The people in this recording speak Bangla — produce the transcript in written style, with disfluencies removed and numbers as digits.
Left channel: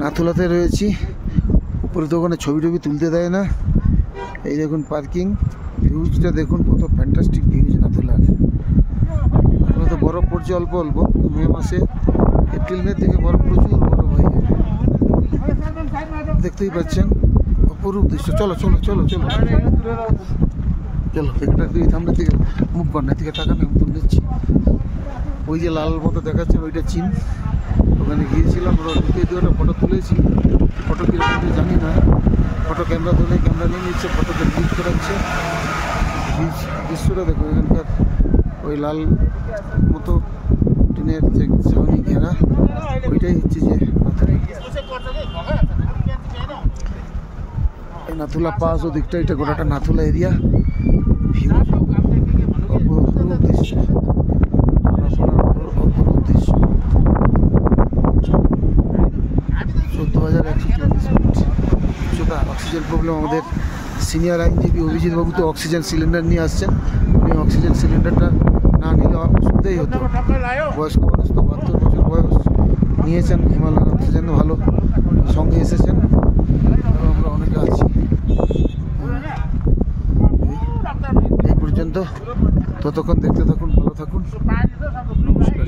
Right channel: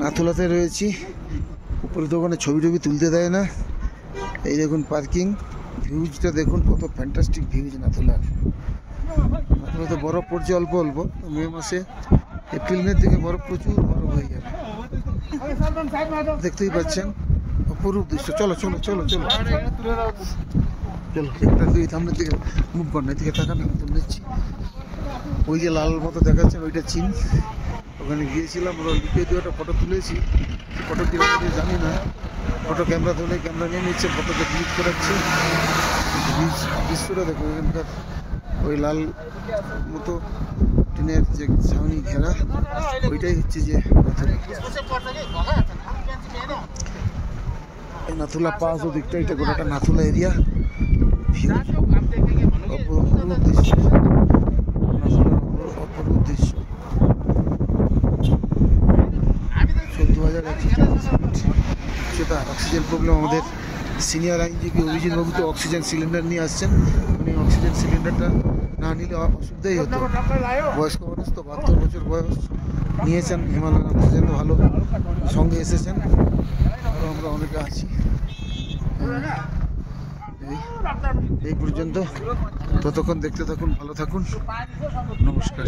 নাথুলাতে রয়েছি। উপরে তো ওখানে ছবি টবি তুলতে দেয় না। এই দেখুন পার্কিং, ভিউজটা দেখুন, কত ফ্যান্টাস্টিক ভিউজ নাথুলার। নাথুলাতে বরফ পড়ছে অল্প অল্প, মে মাসে এপ্রিল মে থেকে বরফ প্রচুর বরফ হয়ে যাবে, দেখতেই পাচ্ছেন অপরূপ দৃশ্য। চলো চলো চলো চলো চলো, একটা সামনের দিকে মুভ কর, না দিকে থাকা না, আমি তুলে নিচ্ছি। ওই যে লাল মতো দেখাচ্ছেন ওইটা চীন, ওখানে গিয়েছিলাম, ওরা ঢুকে দিয়ে একটা ফটো তুলেছি। ফটো কীরকম জানি না, ফটো ক্যামেরা ধরে ক্যামেরা নিয়ে নিচ্ছে, ফটোতে ডিলিট করাচ্ছে। দৃশ্যটা দেখো, এখানকার ওই লাল মতো টিনের যে ছাউনি ঘেরা, ওইটাই হচ্ছে যে নাথুলা পাস। ও দিকটা এটা গোটাটা নাথুলা এরিয়া। ভিউ অপরূপ দৃশ্য, অপরূপ দৃশ্য। 14,133 ফিট উচ্চতা। অক্সিজেন প্রবলেম, আমাদের সিনিয়র আইনজীবী অভিজিৎ বাবু তো অক্সিজেন সিলিন্ডার নিয়ে আসছেন। উনি অক্সিজেন সিলিন্ডারটা না নিলে অসুবিধাই হতো। বয়স্ক মানুষ তো, 72 বছর বয়স, নিয়েছেন হিমালয়ান অক্সিজেন, ভালো সঙ্গে এসেছেন। আরও আমরা অনেকে আছি। এই পর্যন্ত, ততক্ষণ দেখতে থাকুন, ভালো থাকুন, নমস্কার।